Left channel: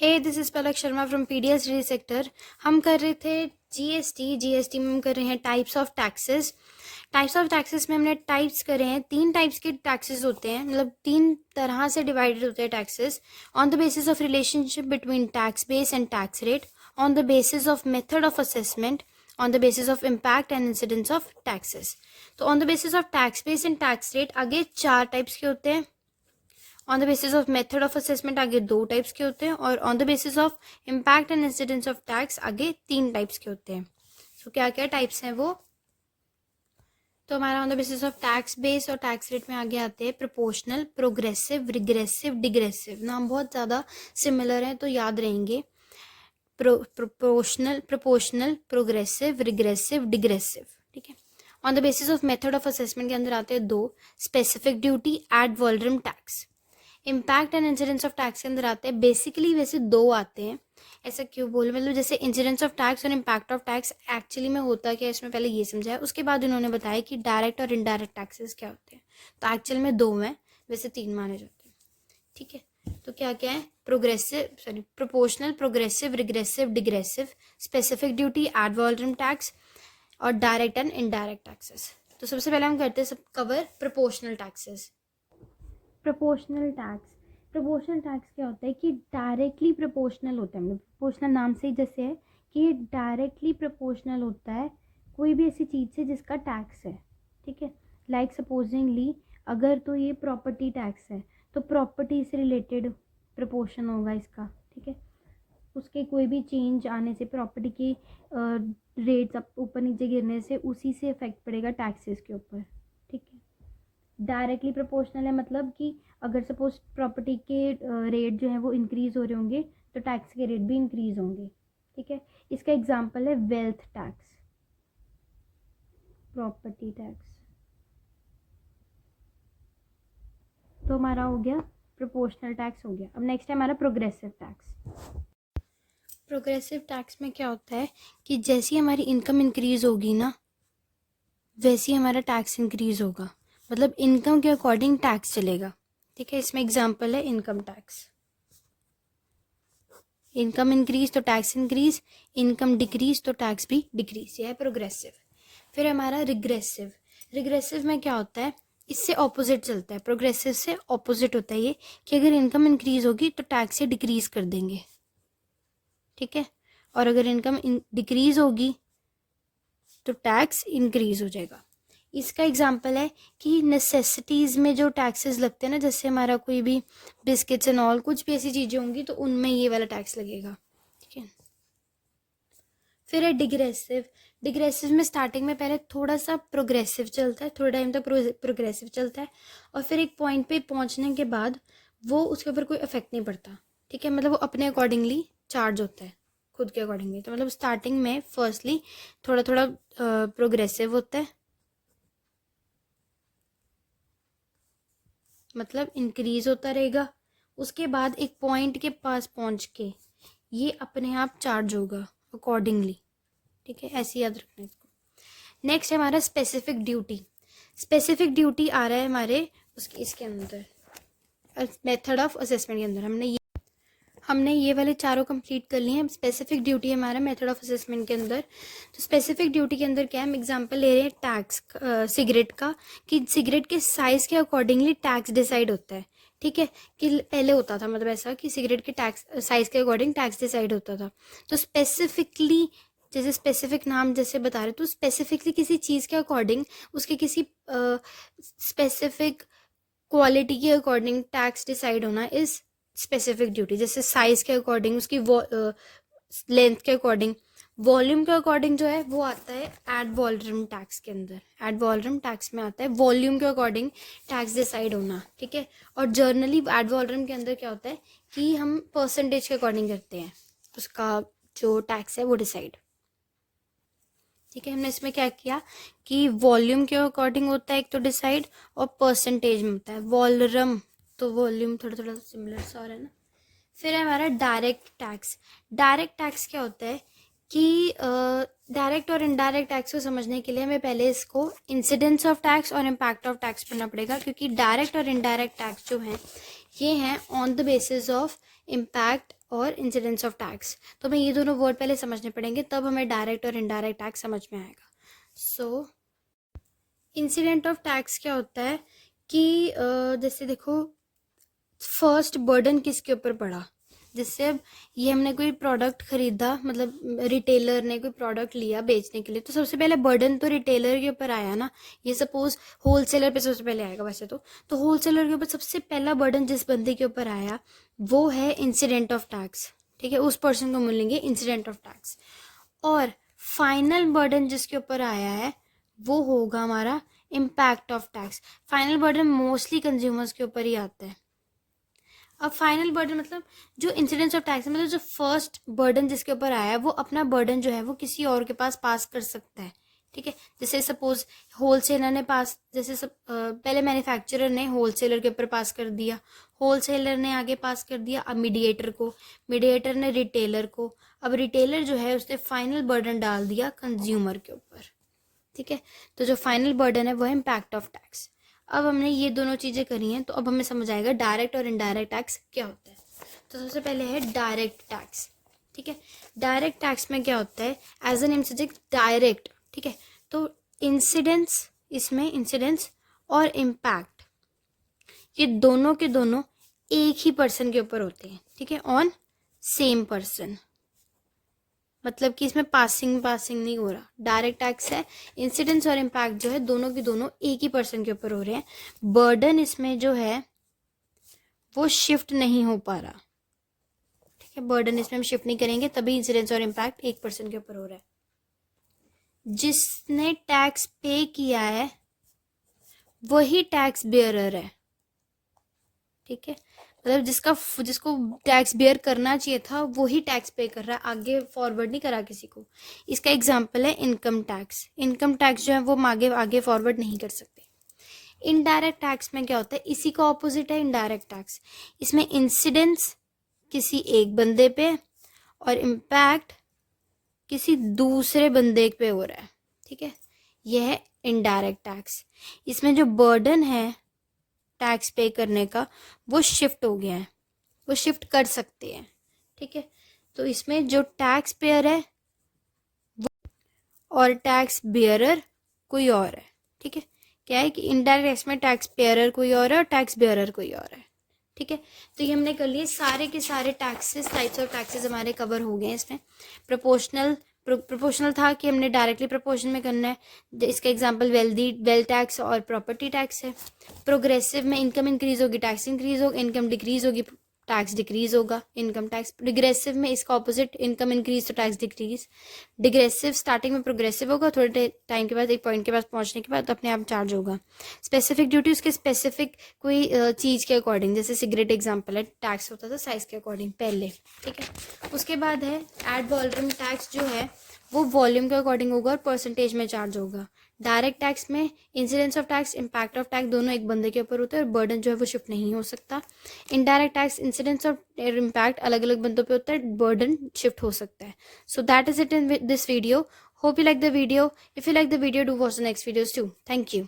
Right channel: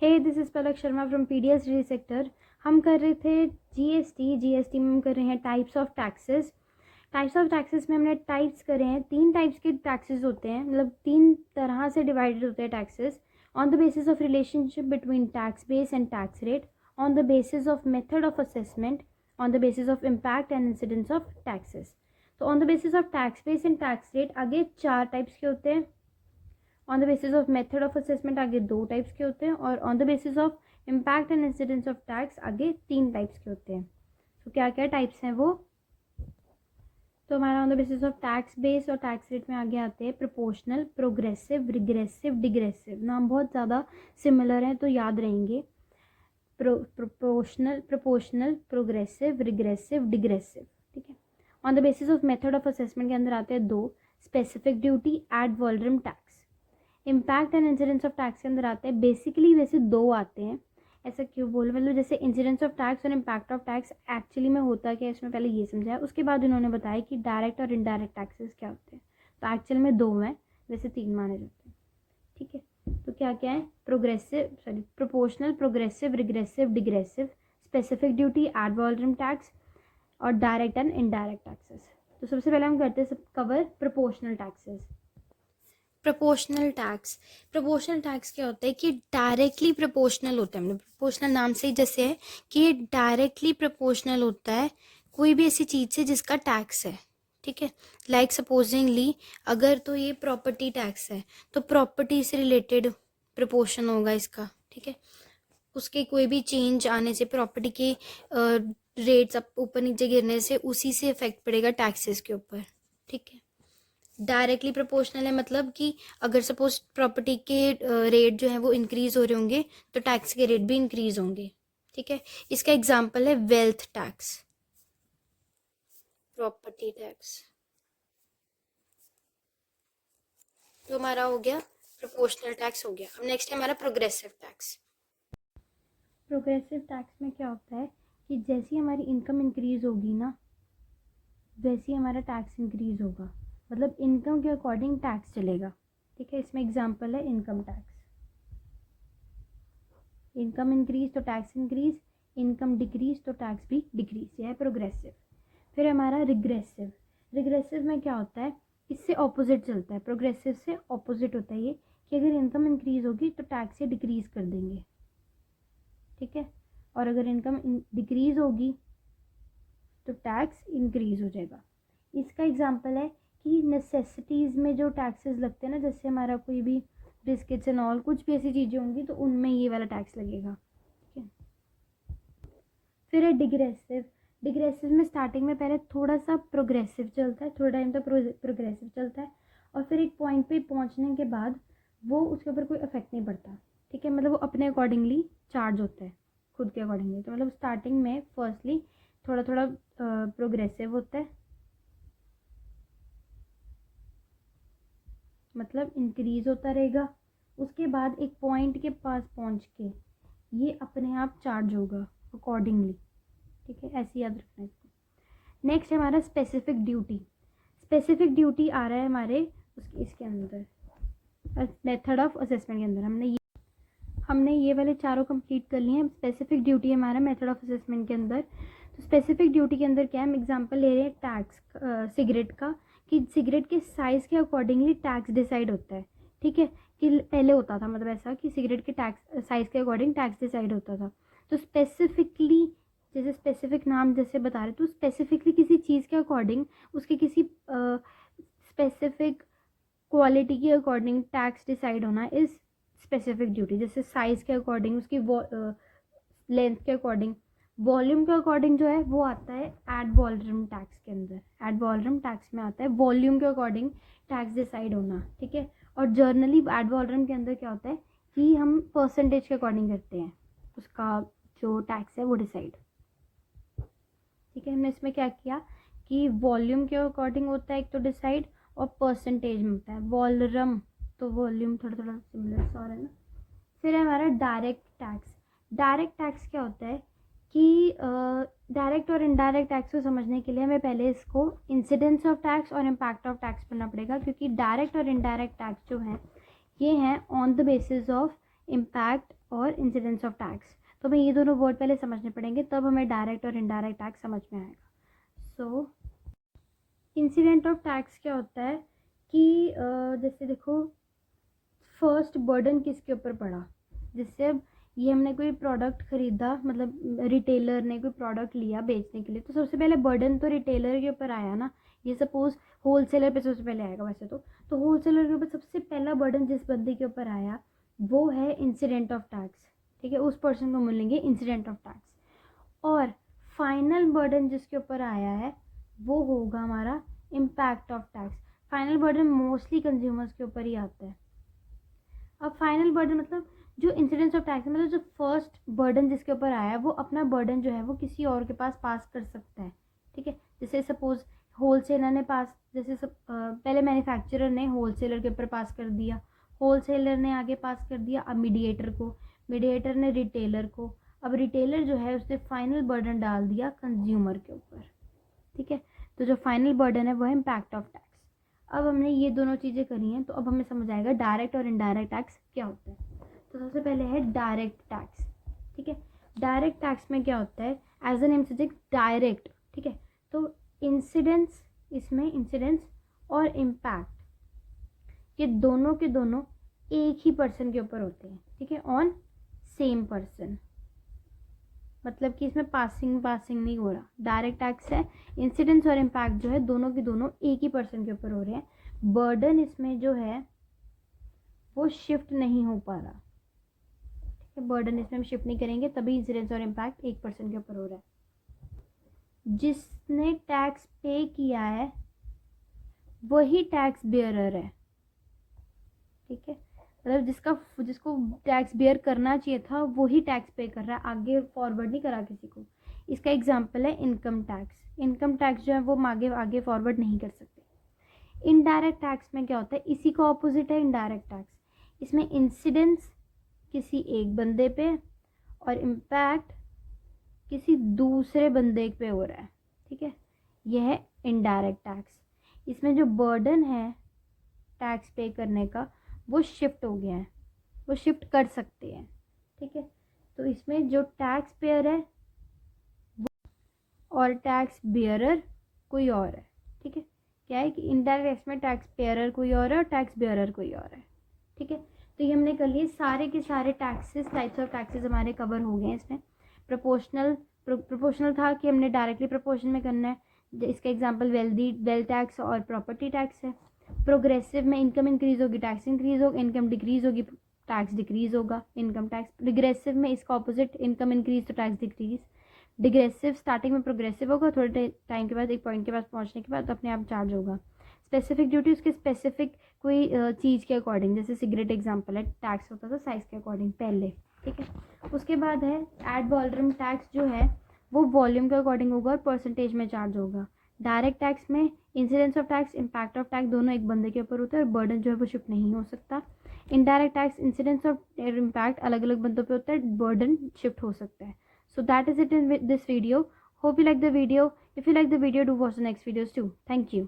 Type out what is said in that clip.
Hey this is Palak Sharma from PDS re sector. हम कर रहे थे जीएसटी में हम कर रहे हैं types of taxes. Types of taxes में हमने टाइप्स करे हैं। 3 टाइप्स के टैक्सेस होते हैं, मतलब 3 तरह से डिवाइडेड होते हैं taxes. On the basis of relationship between tax base and tax rate, on the basis of method of assessment, on the basis of impact and incidence of taxes. तो on the basis of tax base and tax rate आगे 4 types के होते हैं। On the basis of method of assessment आगे 2 types के होते हैं, और on the basis of impact and incidence of tax आगे 3 टाइप्स के होते हैं। सो क्या क्या टाइप्स हैं वो? तो हमारा on the basis of tax base और टैक्स रेट में आगे आते हैं प्रोपोर्शनल, प्रोग्रेसिव, रिग्रेसिव, डिग्रेसिव। नाम बहुत ज़्यादा सिमिलर हैं तो याद रहेंगे। Proportional, progressive, regressive, degressive. ठीक है। On the basis of method of assessment के अंदर आते हैं 2, specific duty, ad valorem tax. Impact and incidence of tax के अंदर आते हैं, बेसिकली वैसे 2 आते हैं। ऐसा क्यों बोल, मतलब जैसे इंसिडेंस ऑफ टैक्स और इम्पैक्ट ऑफ टैक्स एक्चुअली में होता क्या है, इसमें पहले ये समझाया, उसके बाद उन्होंने बताया कि डायरेक्ट और इनडायरेक्ट टैक्सेस क्या होते हैं। तो एक्चुअल में 2 हैं, वैसे 3 माने जाते हैं। ठीक है। तो क्या क्या है? Proportional, progressive, regressive, degressive, specific duty, ad valorem tax और डायरेक्ट एंड इनडायरेक्ट टैक्सेस। तो सबसे पहले हम करते हैं सब cover proportional taxes. Proportional tax क्या होता है कि डायरेक्टली प्रोपोर्शनल होता है। मतलब प्रोपोर्शनल नाम से ही जैसे है कि ये डायरेक्टली प्रोपोर्शनल होता है कोई भी ऐसी चीज़ से जिसका टैक्स है। ठीक है। लाइक सपोजिंगली अगर तो ये प्रॉपर्टी टैक्स है तो प्रॉपर्टी से रिलेटेड प्रोपोर्शन होगा इसका। ठीक है। उसके कोई भी चेंज आने से प्रॉपर्टी के रेट्स ऊपर नीचे गिरने से उसी से इफेक्ट पड़ेगा टैक्सेस के ऊपर। ठीक है। डायरेक्टली प्रोपोर्शनल है मतलब कि अगर सपोज प्रॉपर्टी के रेट जो है वो इंक्रीज हो रहे होंगे तो टैक्स के रेट भी इंक्रीज होंगे। ठीक है। इसका एग्जांपल है वेल्थ टैक्स, प्रॉपर्टी टैक्स। तो हमारा हो गया प्रोपोर्शनल टैक्स हो गया। अब नेक्स्ट है हमारा प्रोग्रेसिव टैक्स। प्रोग्रेसिव टैक्स में क्या होता है कि जैसी हमारी इनकम इंक्रीज होगी ना वैसे ही हमारा टैक्स इंक्रीज होगा, मतलब इनकम के अकॉर्डिंग टैक्स चलेगा। ठीक है। इसमें एग्जांपल है इनकम टैक्स। इनकम इंक्रीज तो टैक्स इंक्रीज, इनकम डिक्रीज तो टैक्स भी डिक्रीज। यह है प्रोग्रेसिव। फिर हमारा रिग्रेसिव। रिग्रेसिव में क्या होता है, इससे ऑपोजिट चलता है। प्रोग्रेसिव से ऑपोजिट होता है ये कि अगर इनकम इंक्रीज होगी तो टैक्स से डिक्रीज कर देंगे। ठीक है। और अगर इनकम डिक्रीज होगी तो टैक्स इंक्रीज हो जाएगा। इसका एग्जांपल है कि नेसेसिटीज़ में जो टैक्सेस लगते हैं ना, जैसे हमारा कोई भी बिस्किट्स एंड ऑल कुछ भी ऐसी चीज़ें होंगी तो उनमें ये वाला टैक्स लगेगा। ठीक है। फिर है डिग्रेसिव। डिग्रेसिव में स्टार्टिंग में पहले थोड़ा सा प्रोग्रेसिव चलता है, थोड़ा टाइम तक प्रोग्रेसिव चलता है, और फिर एक पॉइंट पे पहुंचने के बाद वो उसके ऊपर कोई इफेक्ट नहीं पड़ता। ठीक है। मतलब वो अपने अकॉर्डिंगली चार्ज होता है, खुद के अकॉर्डिंगली। तो मतलब स्टार्टिंग में फर्स्टली थोड़ा थोड़ा प्रोग्रेसिव होता है, मतलब इंक्रीज होता रहेगा। उसके बाद एक पॉइंट के पास पहुंच के ये अपने आप चार्ज होगा अकॉर्डिंगली। ठीक है। ऐसे याद रखना है इसको। नेक्स्ट है हमारा स्पेसिफिक ड्यूटी। स्पेसिफिक ड्यूटी आ रहा है हमारे इसके अंदर मेथड ऑफ असेसमेंट के अंदर। हमने ये वाले चारों कंप्लीट कर लिए हैं। स्पेसिफिक ड्यूटी है हमारा मेथड ऑफ असेसमेंट के अंदर। तो स्पेसिफिक ड्यूटी के अंदर क्या है, हम एग्जांपल ले रहे हैं टैक्स सिगरेट का, कि सिगरेट के साइज़ के अकॉर्डिंगली टैक्स डिसाइड होता है। ठीक है। कि पहले होता था मतलब ऐसा कि सिगरेट के टैक्स साइज़ के अकॉर्डिंग टैक्स डिसाइड होता था। तो स्पेसिफिकली जैसे स्पेसिफिक नाम जैसे बता रहे तो स्पेसिफिकली किसी चीज़ के अकॉर्डिंग उसके किसी स्पेसिफिक क्वालिटी के अकॉर्डिंग टैक्स डिसाइड होना इज स्पेसिफिक ड्यूटी। जैसे साइज के अकॉर्डिंग, उसकी लेंथ के अकॉर्डिंग, वॉल्यूम के अकॉर्डिंग जो है वो आता है एड वॉल्यूम टैक्स के अंदर। एड वॉल्यूम टैक्स में आता है वॉल्यूम के अकॉर्डिंग टैक्स डिसाइड होना। ठीक है। और जर्नली एड वॉल्यूम के अंदर क्या होता है कि हम परसेंटेज के अकॉर्डिंग करते हैं उसका जो टैक्स है वो डिसाइड। ठीक है। हमने इसमें क्या किया कि वॉल्यूम के अकॉर्डिंग होता है एक तो डिसाइड, और परसेंटेज में होता है वॉल्यूम। तो वॉल्यूम थोड़ा थोड़ा सिमिलर सा है ना। फिर है हमारा डायरेक्ट टैक्स। डायरेक्ट टैक्स क्या होता है कि डायरेक्ट और इनडायरेक्ट टैक्स को समझने के लिए हमें पहले इसको इंसिडेंस ऑफ टैक्स और इम्पैक्ट ऑफ टैक्स पढ़ना पड़ेगा, क्योंकि डायरेक्ट और इनडायरेक्ट टैक्स जो हैं ये हैं on the basis of impact और इंसिडेंस ऑफ टैक्स। तो हमें ये दोनों वर्ड पहले समझने पड़ेंगे, तब हमें डायरेक्ट और इनडायरेक्ट टैक्स समझ में आएगा। सो इंसिडेंट ऑफ टैक्स क्या होता है कि जैसे देखो फर्स्ट बर्डन किसके ऊपर पड़ा, जिससे अब ये हमने कोई प्रोडक्ट खरीदा, मतलब रिटेलर ने कोई प्रोडक्ट लिया बेचने के लिए, तो सबसे पहले बर्डन तो रिटेलर के ऊपर आया ना। ये सपोज होलसेलर पे सबसे पहले आएगा वैसे तो होलसेलर के ऊपर सबसे पहला बर्डन जिस बंदे के ऊपर आया वो है इंसिडेंट ऑफ टैक्स, ठीक है, उस पर्सन को मिलेंगे इंसिडेंट ऑफ टैक्स। और फाइनल बर्डन जिसके ऊपर आया है वो होगा हमारा impact of tax. Final burden mostly consumers के ऊपर ही आता है। अब फाइनल बर्डन मतलब जो इंसिडेंस ऑफ टैक्स मतलब जो फर्स्ट बर्डन जिसके ऊपर आया है वो अपना बर्डन जो है वो किसी और के पास कर सकता है, ठीक है। जैसे सपोज होलसेलर ने पास, जैसे पहले मैन्युफैक्चरर ने होलसेलर के ऊपर पास कर दिया, होलसेलर ने आगे पास कर दिया अब मीडिएटर को, मीडिएटर ने रिटेलर को, अब रिटेलर जो है उसने फाइनल बर्डन डाल दिया कंज्यूमर के ऊपर, ठीक है। तो जो फाइनल बर्डन है वो है इम्पैक्ट ऑफ टैक्स। अब हमने ये दोनों चीज़ें करी हैं तो अब हमें समझ आएगा डायरेक्ट और इनडायरेक्ट टैक्स क्या होता है। तो सबसे पहले है डायरेक्ट टैक्स, ठीक है। डायरेक्ट टैक्स में क्या होता है, as a name suggest direct, ठीक है। तो इंसिडेंस, इसमें इंसिडेंस और इम्पैक्ट ये दोनों के दोनों एक ही पर्सन के ऊपर होते हैं, ठीक है, ऑन सेम पर्सन। मतलब कि इसमें पासिंग नहीं हो रहा। डायरेक्ट टैक्स है, इंसिडेंस और इम्पैक्ट जो है दोनों के दोनों एक ही पर्सन के ऊपर हो रहे हैं। बर्डन इसमें जो है वो शिफ्ट नहीं हो पा रहा, ठीक है। बर्डन इसमें हम शिफ्ट नहीं करेंगे तभी इंसिडेंस और इम्पैक्ट एक पर्सन के ऊपर हो रहा है। जिसने टैक्स पे किया है वही टैक्स बेयरर है, ठीक है। मतलब जिसको टैक्स बेयर करना चाहिए था वही टैक्स पे कर रहा है, आगे फॉरवर्ड नहीं करा किसी को। इसका एग्जांपल है इनकम टैक्स। इनकम टैक्स जो है वो हम आगे फॉरवर्ड नहीं कर सकते। इनडायरेक्ट टैक्स में क्या होता है, इसी का ऑपोजिट है इनडायरेक्ट टैक्स। इसमें इंसिडेंस किसी एक बंदे पे और इम्पैक्ट किसी दूसरे बंदे पे हो रहा है, ठीक है। यह है इनडायरेक्ट टैक्स। इसमें जो बर्डन है टैक्स पे करने का वो शिफ्ट हो गया है, वो शिफ्ट कर सकते हैं, ठीक है। तो इसमें जो टैक्स पेयर है वो और टैक्स बेयरर कोई और है, ठीक है। क्या है कि इनडायरेक्ट टैक्स में टैक्स पेयरर कोई और है और टैक्स बेयरर कोई और है, ठीक है। तो ये हमने कर लिए सारे के सारे टैक्सेस, टाइप्स ऑफ टैक्सेस हमारे कवर हो गए। इसमें प्रोपोर्शनल था कि हमने डायरेक्टली प्रोपोर्शन में करना है। इसका एग्जांपल वेल्थ टैक्स और प्रॉपर्टी टैक्स है। प्रोग्रेसिव में इनकम इंक्रीज होगी टैक्स इंक्रीज होगा, इनकम डिक्रीज होगी टैक्स डिक्रीज होगा, इनकम टैक्स। डिग्रेसिव में इसका ऑपोजिट, इनकम इंक्रीज तो टैक्स डिक्रीज। डिग्रेसिव स्टार्टिंग में प्रोग्रेसिव होगा, थोड़े टाइम के बाद एक पॉइंट के पास पहुंचने के बाद अपने आप चार्ज होगा। स्पेसिफिक ड्यूटी उसके स्पेसिफिक कोई चीज़ के अकॉर्डिंग, जैसे सिगरेट एग्जांपल है, टैक्स होता था साइज के अकॉर्डिंग पहले, ठीक है। उसके बाद है एड वॉल्यूम टैक्स, जो है वो वॉल्यूम के अकॉर्डिंग होगा और परसेंटेज में चार्ज होगा। डायरेक्ट टैक्स में incidence of tax, impact of tax दोनों एक बंदे के ऊपर होते हैं और बर्डन जो है वो शिफ्ट नहीं हो सकता। इनडायरेक्ट टैक्स इंसिडेंस और इम्पैक्ट अलग अलग बंदों पे होता है, बर्डन शिफ्ट हो सकता है। So that is it in this video. Hope you like the video. If you like the video, do watch the next videos too. Thank you.